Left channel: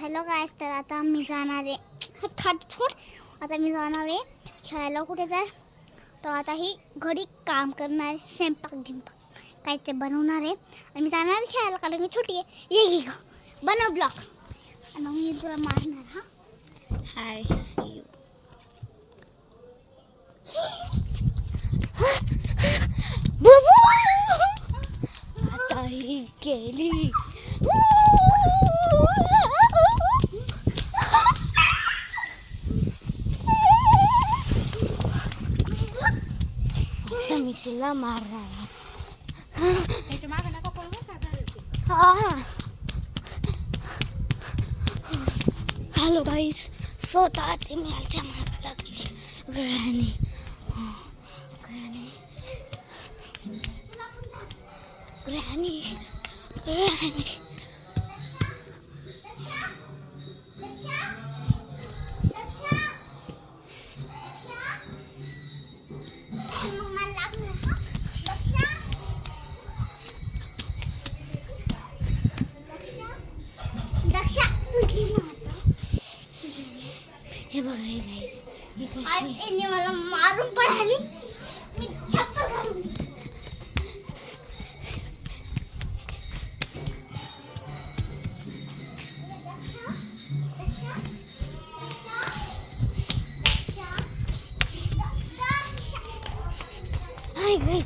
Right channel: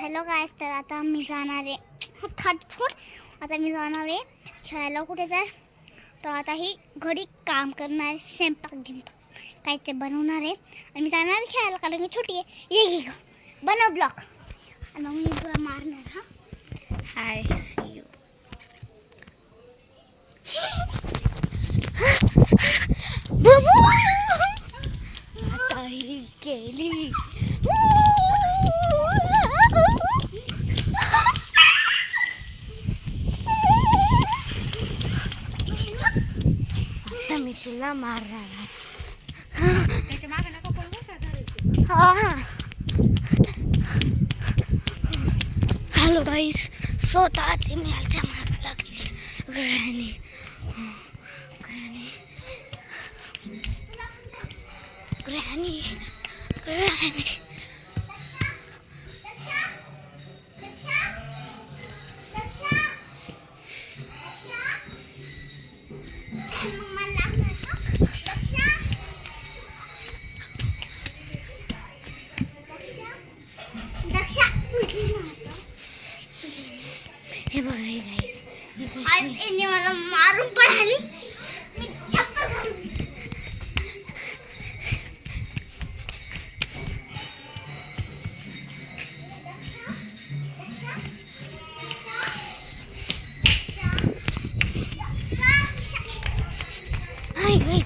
Hello गाईस, तर आता मी जाणार आहे आता मी जाणार आहे खेळायला. कुठे जाय तर आता ही घडी काम करणार आहे, स्वयंपाक काय ते बनवणार आहे आणि मी जाणार खेळायला कारण की छोटी आहे. ये घे ग बनव ब्लॉक आणि मग मी तुला मारणार. हा हाय सी यू. आता ही गेली. आता मी तुला मारणार आहे. हॅलो गाईस, स्वतः ते मी याच्या मागे लागलीस. ग्रॅनी ग्रॅनी ग्रॅनी हे बघा हे गाईस, आज यांनी मला मारून पडाली. मी चप्पल घालून हाय गाईस.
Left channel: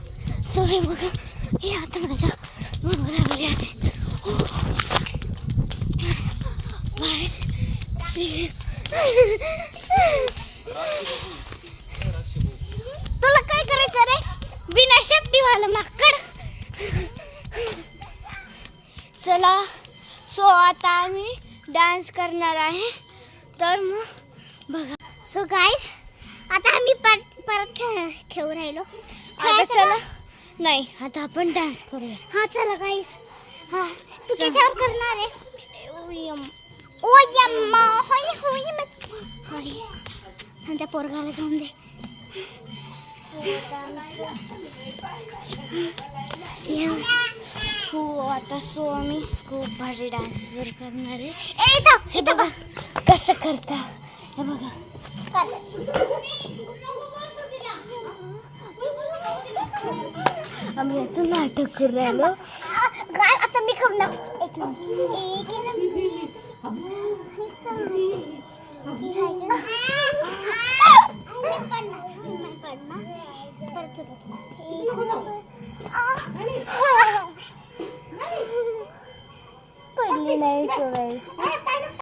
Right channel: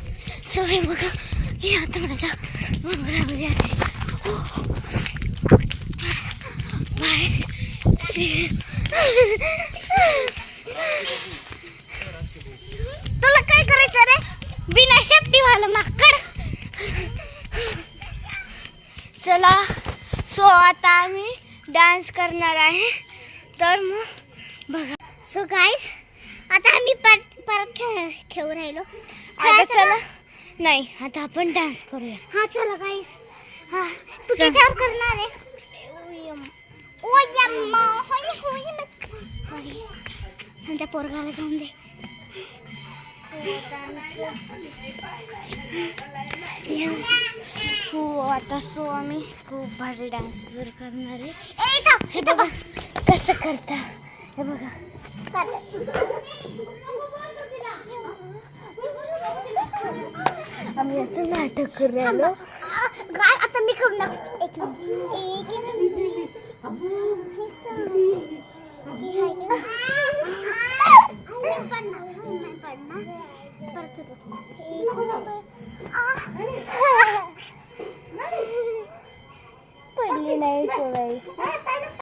सो हे बघा, हे आता माझ्या बरोबर आहे. बाय सी. तुला काय करायचं रे बिना शेपटीवाला माकड. चला, सो आता आम्ही डान्स करणार आहे. तर मग बघा. सो गाईस, आता आम्ही परत खेळू राहिलो. आता चला, नाही आता आपण डान्स करूया. हा चला गाईस. हा तू त्याच्यावर करणार आहे. ओ यम्मा होय होय होय. आणि त्या पोरगाला जाऊन दे. हो आता सो आम्ही खूप भारी डान्स करणार आहे. हे बघा कसं करता. हे बघा आम्ही असं नाटक करू राहिलो. आता मी करणार. एक